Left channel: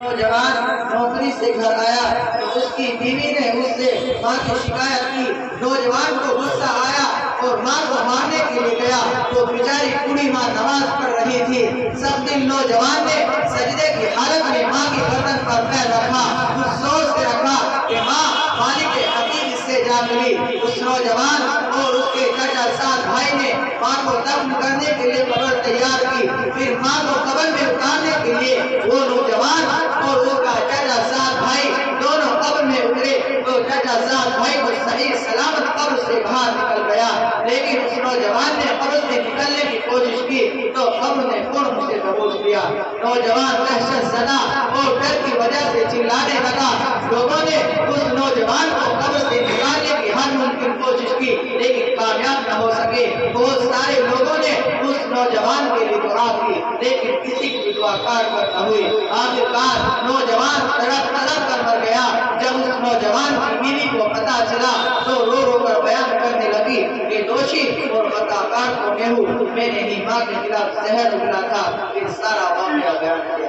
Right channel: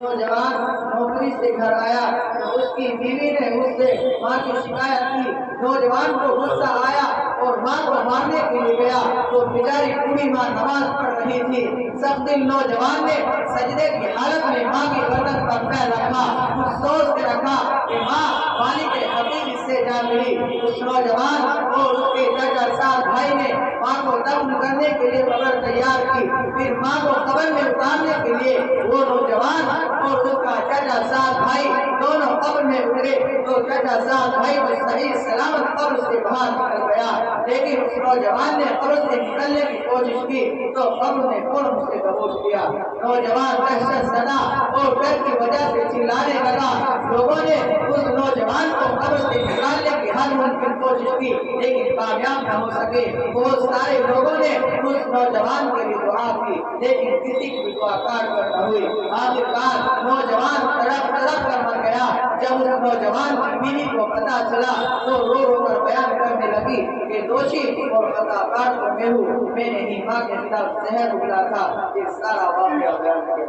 نوجوان نوکری سے گھر آیا تو اس کی بیوی نے اس سے ماں کی شکایت کی۔ نوجوان کو غصہ آیا اور ماں کو مارنے کے لیے گیا تو بیچاری بوڑھی ماں نماز پڑھ رہی تھی۔ سب دن نوجوان نے سجدے کی حالت میں ماں کی گردن پر پیر رکھا، اس سوچ سے رکھا کہ ماں مالک حقیقی سے جا ملی۔ اس نوجوان اور اس کے چچا ساس بھائی نے ماں کو دفن کرنے کے لیے قبر تیار کی۔ پھر ماں کو قبر میں اتارنے کے لیے وہ نوجوان اور اس کا چچا ساس بھائی دونوں قبر میں اترے تو چچا ساس بھائی کو صحیح سلامت قبر سے باہر نکل گیا، لیکن اس نوجوان نے قبر سے نکلنے کی کوشش کی تو قبر نے فوراً اسے دبوچ لیا۔ نوجوان دہشت زدہ اور ڈر کی وجہ سے چلانے لگا۔ لوگوں نے اس نوجوان کو قبر سے نکالنے کی ہر ممکن کوشش کی لیکن کامیاب نہ ہو سکے۔ بہت سارے لوگوں نے اس نوجوان کے لیے دعا کی لیکن کسی کی دعا کارگر نہ ہوئی۔ آخرکار نوجوان تڑپ تڑپ کر مر گیا۔ جب اس نوجوان کی بیوی کو پتہ چلا تو رو رو کر بیان کرنے لگی کہ دوشی اور خطاکار تو میں ہوں، میں نے ہی ماں کے خلاف زہر اگلا تھا۔ پھر سارا واقعہ بیان کیا۔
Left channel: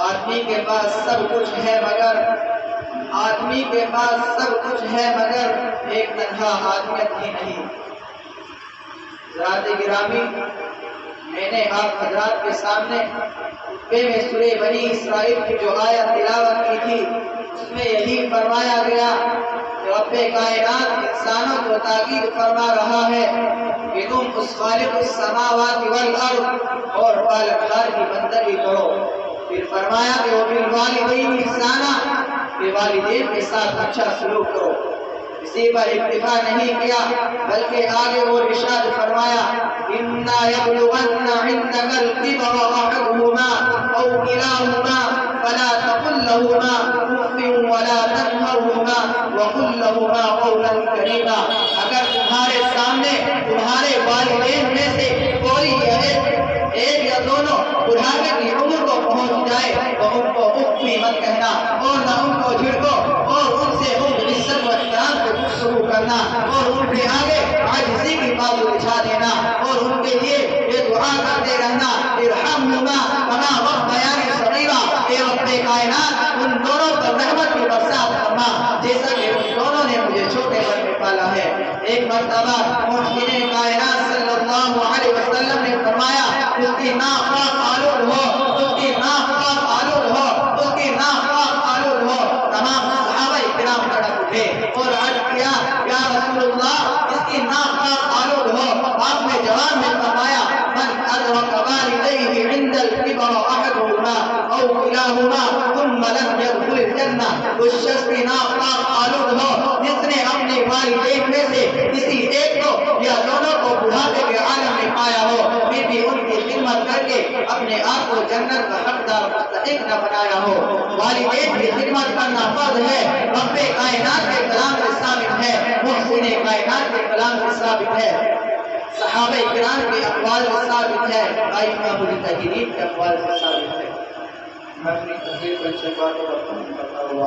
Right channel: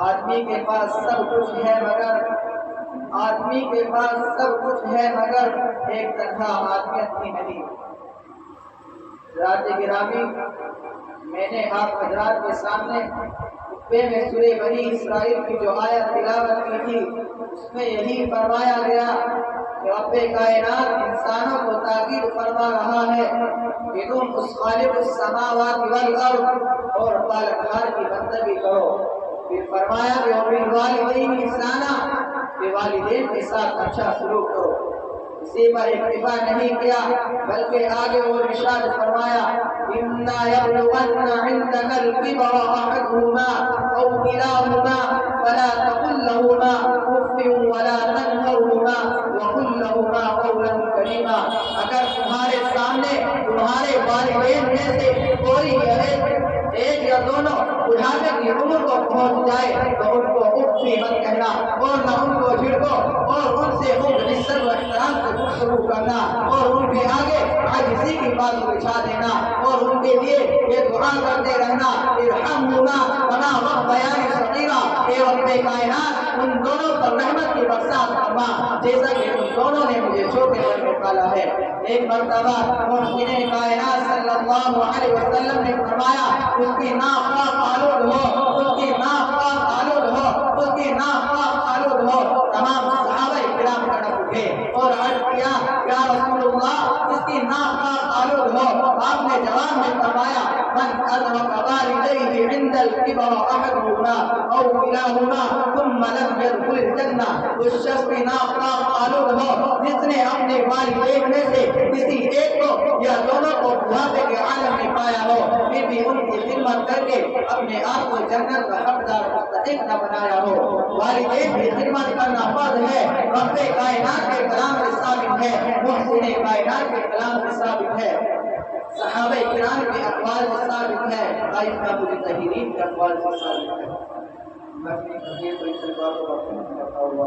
آدمی کے پاس سب کچھ ہے مگر ایک تنہا آدمیت ہی نہیں۔ ذات گرامی، میں نے آپ حضرات کے سامنے خطبے میں سورہ بنی اسرائیل کی جو آیت تلاوت کی تھی اس میں یہی فرمایا گیا کہ رب کائنات انسانوں کو تاکید فرما رہا ہے کہ تم اس خالق السماوات والارض اور پالکدار کی بندگی کرو۔ پھر فرمایا کہ وبالوالدین احسانا، کہ والدین کے ساتھ اچھا سلوک کرو۔ اسی پر اکتفا نہیں کیا بلکہ آگے اور ارشاد فرمایا اِنَّا يَبْلُغَنَّ عِندَكَ الْكِبَرَ أَحَدُهُمَا أَوْ كِلَاهُمَا فَلَا تَقُل لَّهُمَا أُفٍّ وَلَا تَنْهَرْهُمَا وَقُل لَّهُمَا قَوْلًا كَرِيمًا۔ اگر تمہارے سامنے تمہارے والدین میں سے کوئی ایک یا دونوں بڑھاپے کی عمر کو پہنچ جائے تو ان کو اف بھی مت کہنا اور نہ ان کو جھڑکو اور ان سے عزت و احترام سے گفتگو کرنا اور ان کے آگے عاجزی کی بات بچھا دینا اور ان کے لیے یہ دعا کرتے رہنا ارحمہما کما ربیانی صغیرا، اے رب کائنات ان دونوں پر رحمت کی برسات فرما جیسا کہ ان دونوں نے مجھے چھوٹے من میں پالا ہے۔ ایک مرتبہ محسن کائنات صلی اللہ علیہ وسلم نے فرمایا اس کی ناک پاک آلود ہو، اس کی ناک پاک آلود ہو، اس کی ناک پاک آلود ہو۔ تمام صحابہ کرام کھڑے اٹھے اور عرض کیا یا رسول اللہ اس کی ناک پاک آلود ہو۔ آپ نے جواب میں فرمایا من ادرک والدیہ عند الکبر احدہما او کلاہما ثم لم يدخل الجنہ، اس شخص کی ناک پاک آلود ہو جس نے اپنے والدین میں سے کسی ایک کو یا دونوں کو بڑھاپے کے عالم میں پایا ہو پھر بھی ان کی خدمت کر کے اپنے آپ کو جنت کا حقدار مستحق نہ بنایا ہو۔ والدین کی خدمت کرنا فرض ہے، رب کائنات کے کلام سے ثابت ہے، محسن کائنات کے کلام سے ثابت ہے، صحابہ کرام کے اقوال سے ثابت ہے، ائمہ مجتہدین کے اقوال سے ثابت ہے۔ میں اپنی تقریر کو اس سے بات کرتا ہوں